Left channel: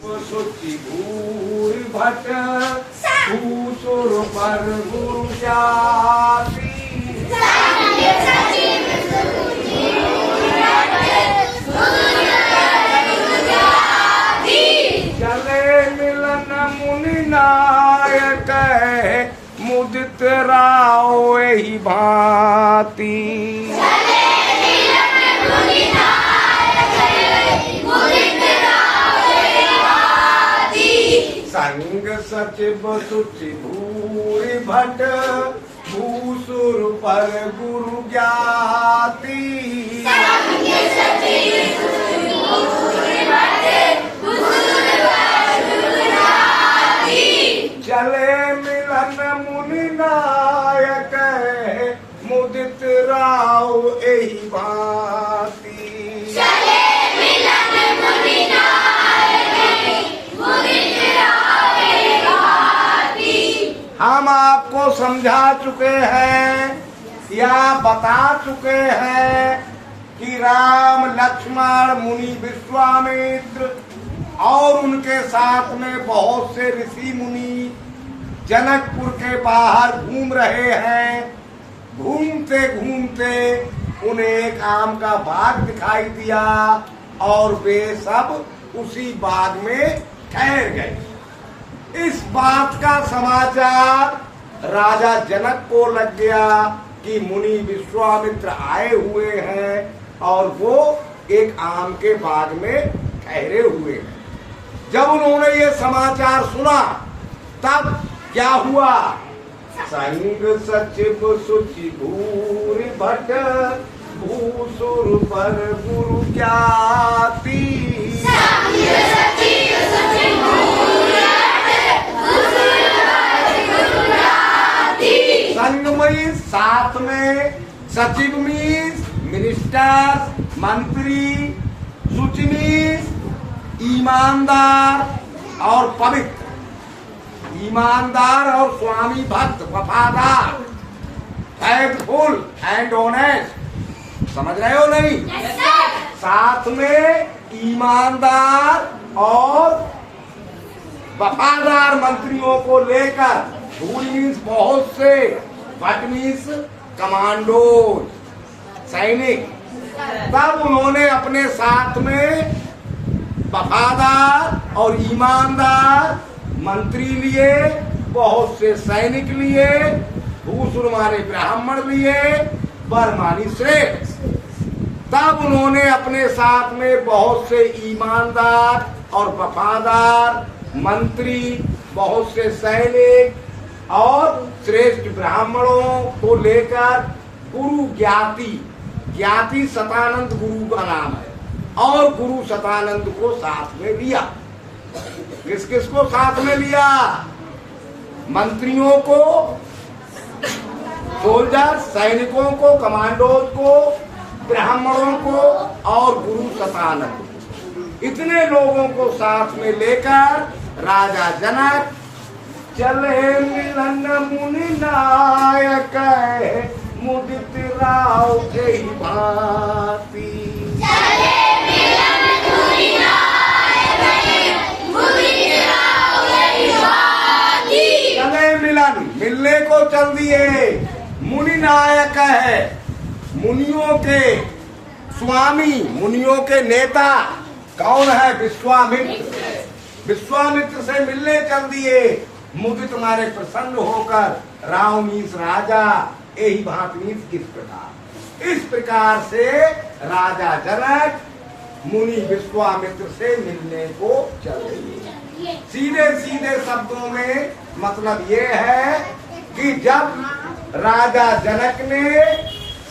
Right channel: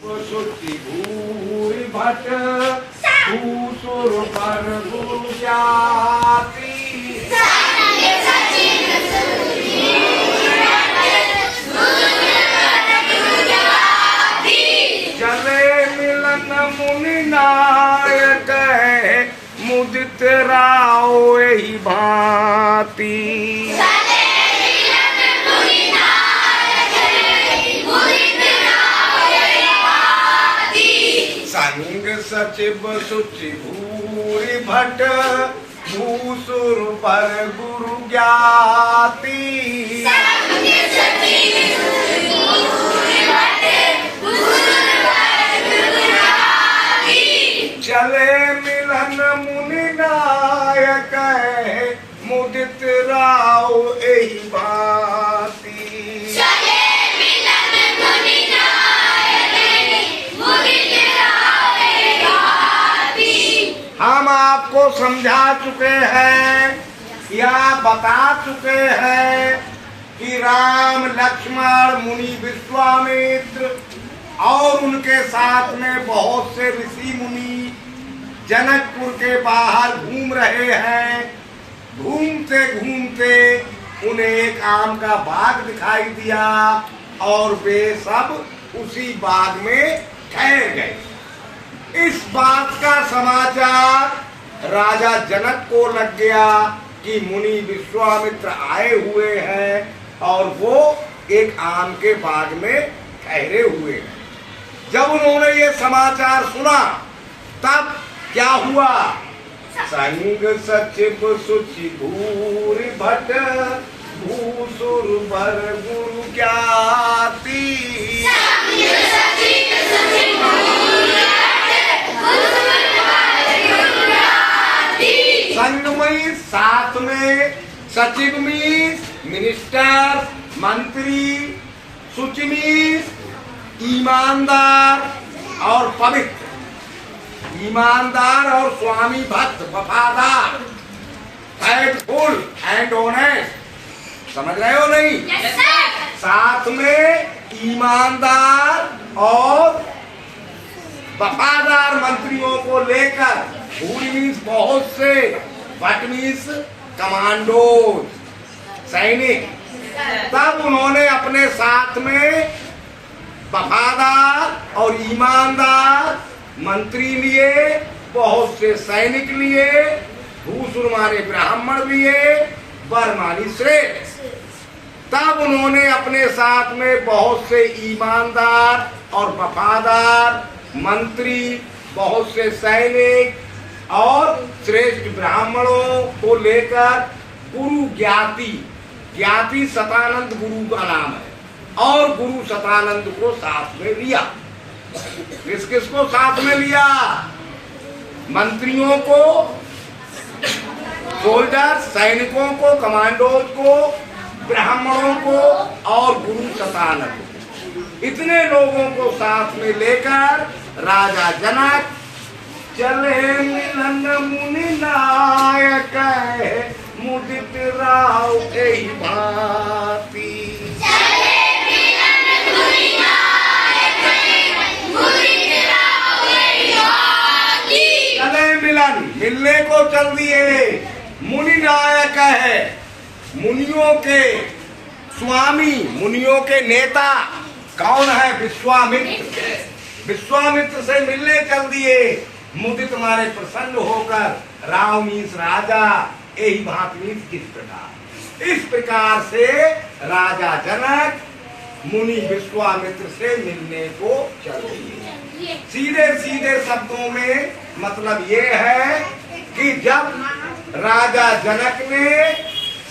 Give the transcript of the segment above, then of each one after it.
सुचि भूरि भट भूसुर पर गुरु जाति चले मिलन मुनि नायक मुदित राव यही भांति संग सचिव सुचि भूरि भट भूसुर पर गुरु ज्ञाति चले मिलन मुनि नायक मुदित राव यही भांति हम आपको समझा चुके हैं या बता चुके हैं कि राम लक्ष्मण मुनि विश्वामित्र और उनके साथ में बहुत से ऋषि मुनि जनकपुर के बाहर घूम रहे हैं। घूमते घूमते उन्हें एक आम का बाग दिखाई दिया और वे सब उसी बाग में ठहर गए। इस बात का समाचार राजा जनक को लग गया कि मुनि विश्वामित्र आए हुए हैं और वो एक आम के बाग में ठहरे हुए हैं। जब उन्होंने ये समाचार सुना तब क्या हुआ? संग सचिव सुचि भूरि भट भूसुर पर गुरु ज्ञाति संग में साथ में सचिव मीन्स मिनिस्टर मंत्री, सुचि मीन्स ईमानदार और पवित्र, ईमानदार और स्वामी भक्त वफादार, फेथफुल एंड ऑनेस्ट। समझ रहे हो नहीं? साथ में ईमानदार और वफादार मंत्रियों को लेकर, भूरि मीन्स बहुत से, भट मीन्स कमांडो सैनिक। तब उन्होंने अपने साथ में वफादार और ईमानदार मंत्री लिए, बहुत से सैनिक लिए, भूसुर माने ब्राह्मण लिए, वर मानी श्रेष्ठ। तब उन्होंने अपने साथ में बहुत से ईमानदार और वफादार मंत्री, बहुत से सैनिक और श्रेष्ठ ब्राह्मणों को लेकर गुरु ज्ञाति, ज्ञाति सतानंद गुरु का नाम है, और गुरु सतानंद को साथ में लिया। किस किस को साथ में लिया? मंत्रियों को, सोल्जर सैनिकों को, कमांडोज को, ब्राह्मणों को और गुरु सतानंद, इतने लोगों को साथ में लेकर राजा जनक चले मिलन मुनि नायक मुदित राव यही भांति। चले मिलन, मिलने को चल दिए। मुनि नायक है, मुनियों के स्वामी, मुनियों के नेता कौन है? विश्वामित्र। विश्वामित्र से मिलने चल दिए। मुदित मारे प्रसन्न होकर, राव मीन्स राजा, यही भांति मीन्स इस प्रकार से राजा जनक मुनि विश्वामित्र से मिलने को चले। सीधे सीधे शब्दों में मतलब ये है कि जब राजा जनक ने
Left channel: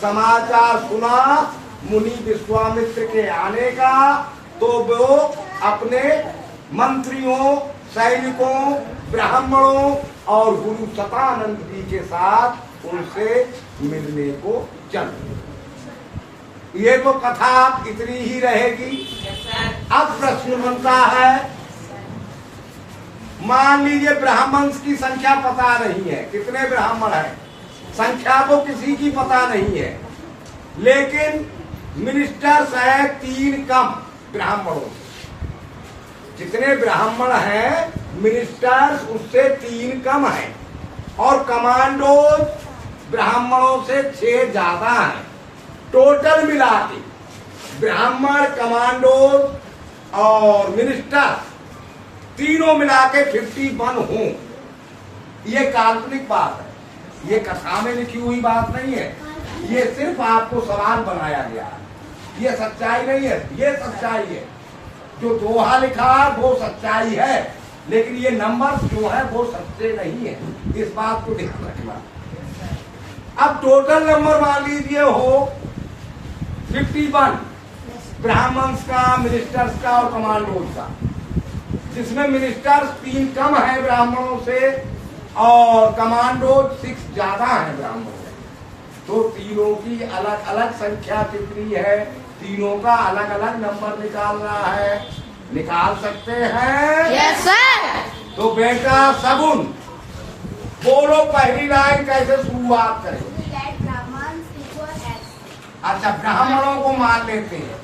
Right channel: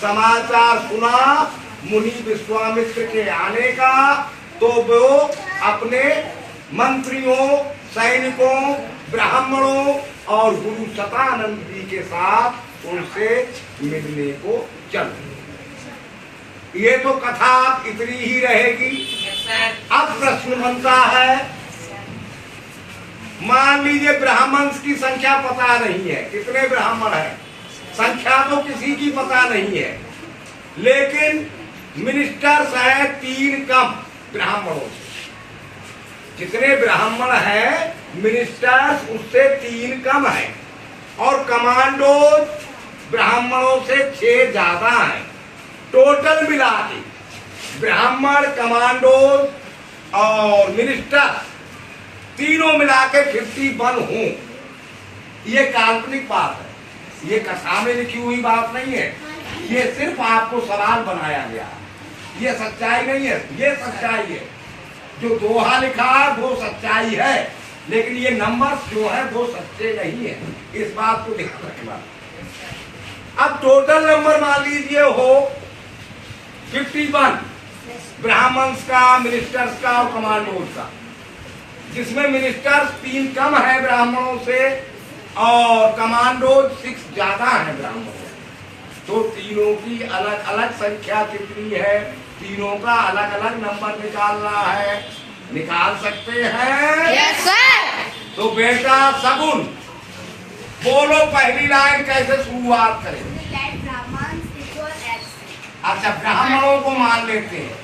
समाचार सुना मुनि विश्वामित्र के आने का, तो वो अपने मंत्रियों, सैनिकों, ब्राह्मणों और गुरु सतानंद जी के साथ उनसे मिलने को चल। ये तो कथा इतनी ही रहेगी। अब प्रश्न बनता है, मान लीजिए ब्राह्मण की संख्या पता नहीं है, कितने ब्राह्मण हैं, संख्या तो किसी की पता नहीं है, लेकिन मिनिस्टर्स है 3 कम ब्राह्मणों से। जितने ब्राह्मण हैं मिनिस्टर्स उससे 3 कम है, और कमांडो ब्राह्मणों से 6 ज्यादा हैं। टोटल मिला के ब्राह्मण, कमांडो और मिनिस्टर तीनों मिला के 51 हों। ये काल्पनिक बात है, ये कथा में लिखी हुई बात नहीं है, ये सिर्फ आपको सवाल बनाया गया। ये सच्चाई नहीं है, ये सच्चाई है। जो दोहा लिखा वो सच्चाई है, लेकिन ये नंबर जो है वो सच्चे नहीं है, इस बात को ध्यान रखना। अब टोटल नंबर मान लीजिए हो 51 ब्राह्मण्स का, मिनिस्टर्स का और कमांडोज का, जिसमें मिनिस्टर्स 3 कम है ब्राह्मणों से और कमांडोज 6 ज्यादा है ब्राह्मणों से। तो तीनों की अलग अलग संख्या कितनी है, तीनों का अलग अलग नंबर निकालना है। निकाल सकते हैं? Yes sir. तो बेटा सगुन बोलो, पहली लाइन कैसे शुरुआत करें? अच्छा, ब्राह्मणों को मान लेते हैं,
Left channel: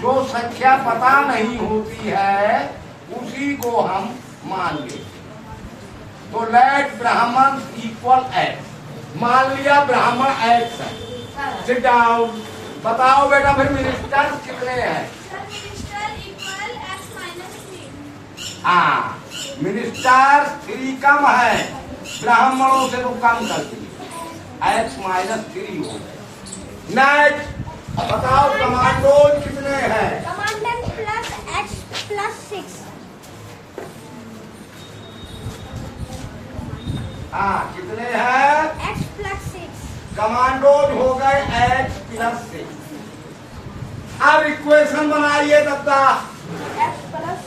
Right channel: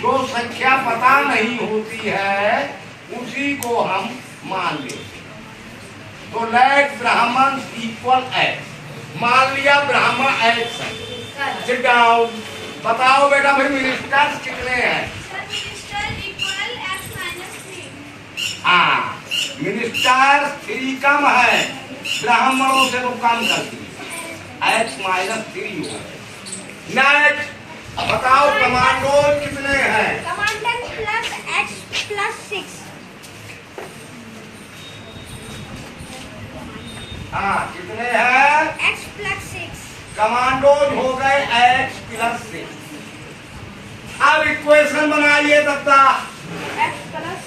जो संख्या पता नहीं होती है उसी को हम मान लेते हैं। तो लेट ब्राह्मण इक्वल एक्स, मान लिया ब्राह्मण एक्स है। सिट डाउन, बताओ बेटा फिर मिनिस्टर्स कितने हैं? हाँ, मिनिस्टर्स 3 कम है ब्राह्मणों से, तो कम कर दिए, एक्स माइनस 3 हो। नेक्स्ट बताओ कमांडो कितने हैं? Commander plus x plus 6। हाँ, कितने हैं? X plus 6। कमांडोज हो गए एक्स प्लस 6। अब इक्वेशन बनाइए Datta. X plus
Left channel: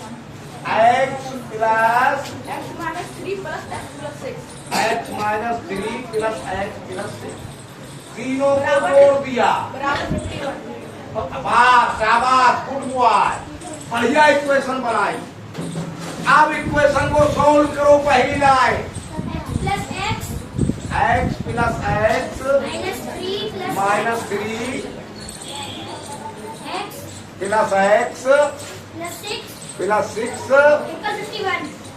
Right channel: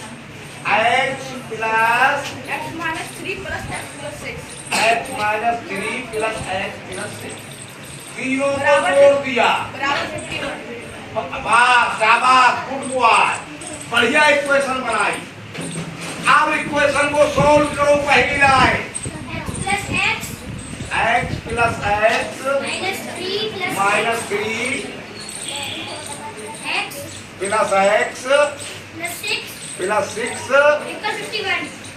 x plus x minus 3 plus x plus 6। X minus 3 plus x plus 6, तीनों को जोड़ दिया। वाह, शाबाश, गुड बॉय, बढ़िया इक्वेशन बनाई। अब इक्वेशन को सॉल्व करो। पहली line x plus x minus 3 x plus x plus 6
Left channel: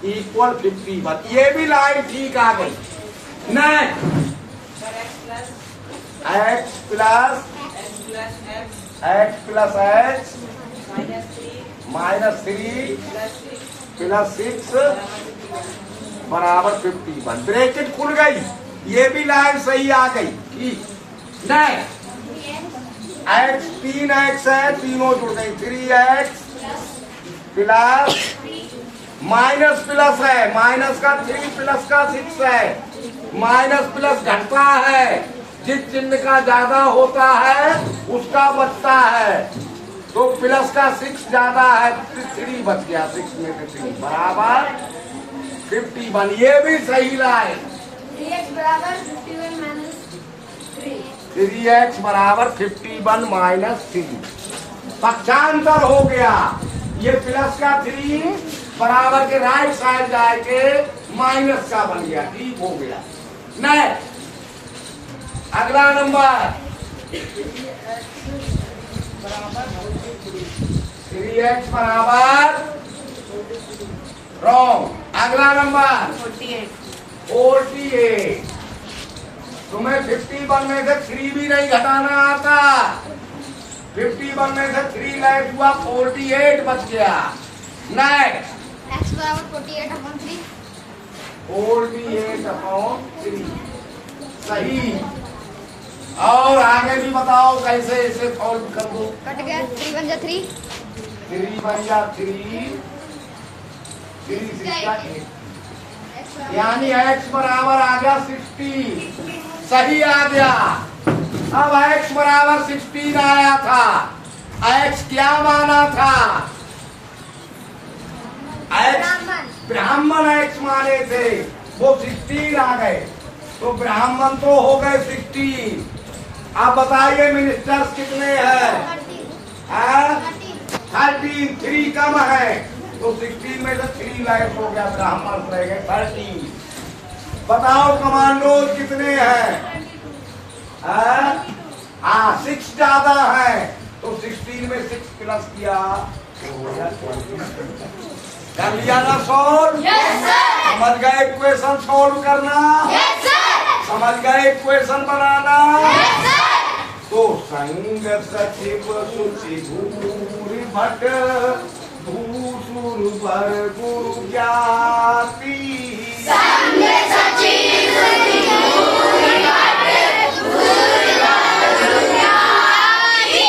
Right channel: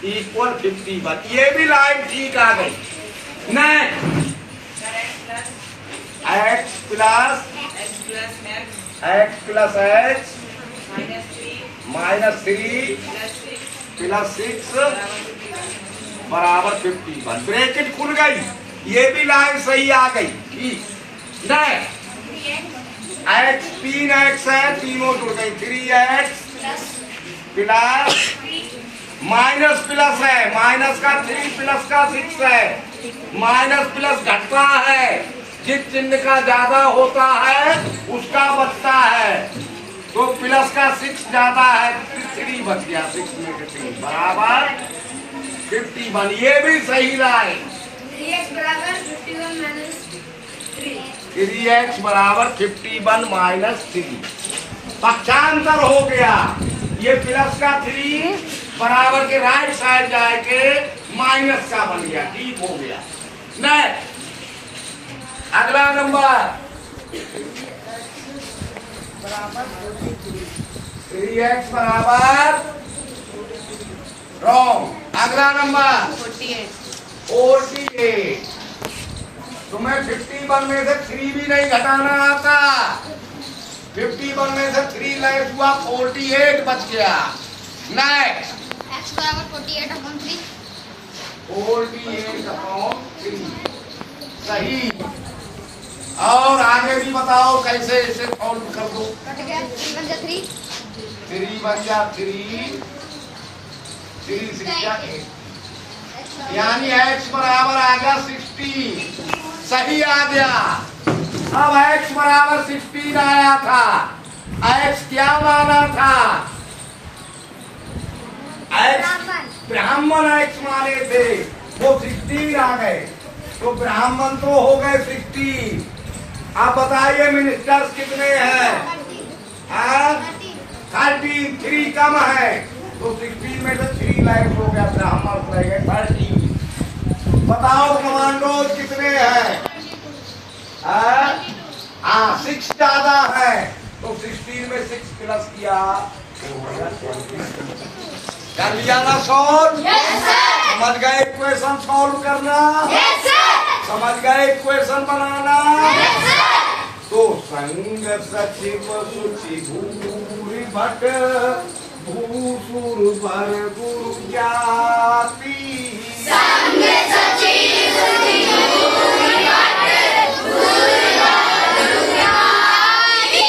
equal 51। ये भी लाइन ठीक आ गई। Next x plus x minus 3 plus 6 बराबर 51। ब्रैकेट खुल गई, ये भी लाइन सही आ गई। ठीक, एक्स 3x है, तीनों जुड़ गई। 3x प्लस माइनस प्लस है, माइनस का 3 प्लस का 6 है। माइनस प्लस घटता है, जिस चिन्ह का ज्यादा होता है उसका बचता है। तो प्लस का 6 ज्यादा है, 3 बच गया, 6 में से 3 बराबर 51। ये भी सही लाइन। 3x बराबर 51 माइनस 3। 3x बराबर 51 माइनस 3, पक्षांतर हो गया। ये प्लस का 3 बराबर के राइट साइड जाके माइनस का बन गया। ठीक हो गया। नेक्स्ट अगला नंबर 3x बराबर रॉन्ग। अगला नंबर 48। तुम्हें 51 में से 3 भी नहीं घटाना आता। 51 में से 3 लेस हुआ, 48 बच गया। नेक्स्ट x बराबर 48/3। 48/3 सही। और आगे भी बताओ कैसे इसे सॉल्व कर दो। कट गया 3 बन जा 3। 3 बन जा 3 6 यानी x बराबर आ गया 60। सही आ गया। अब x बराबर 16 आया था। x क्या माना था? x ब्राह्मण x माने थे, वो 16 आ गए, तो ब्राह्मण तो हो गए 60। अब बताइए मिनिस्टर्स कितने हैं? 13, 3 कम है, तो 16 में से 3 लाइफ हो गया, ब्राह्मण रह गए 13। बताओ कमांडो कितने हैं? 6 ज्यादा है, तो 16 में 6 प्लस किया तो हो गया 20। कर लिया ना सॉल्व? Yes sir. समझ गए इक्वेशन सॉल्व करना? Yes sir. समझ गए इक्वेशन बनाना? Yes sir. तो संग सचिव सुचि भूरि भट भूसुर भर गुरु ज्ञाति संग सचिव भूरि भट भूरि भर ज्ञाति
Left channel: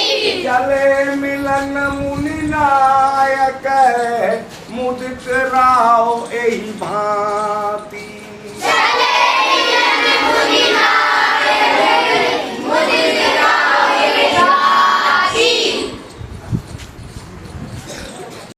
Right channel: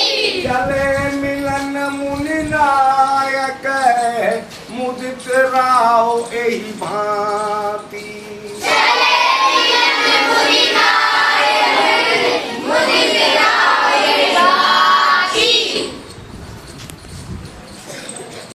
चले मिलन मुनि नायक मुदित राव एहि भांति